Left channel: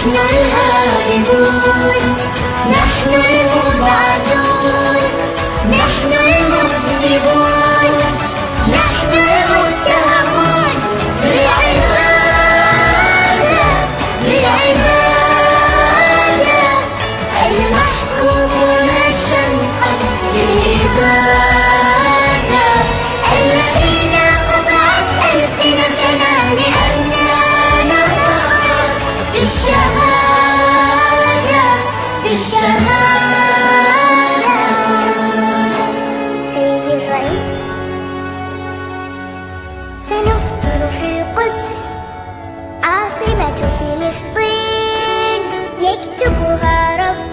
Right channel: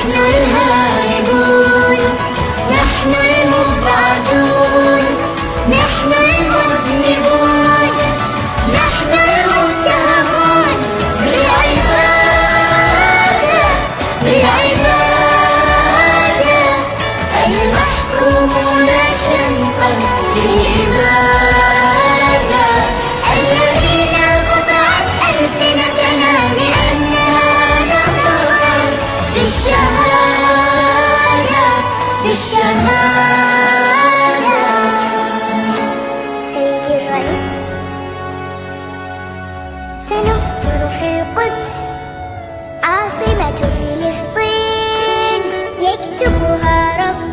نحن الهاربون، نحن المبعدون، نحن المذنبون، نحن المتهمون بالعبادة، بالعبادة، المحكومون شنقا بالعبادة، الذين قطعت ألسنتنا لأنها نطقت بالشهادة، بالشهادة. سيدي الرئيس، سنفطر في القدس عاصمة فلسطين، يكتبها رب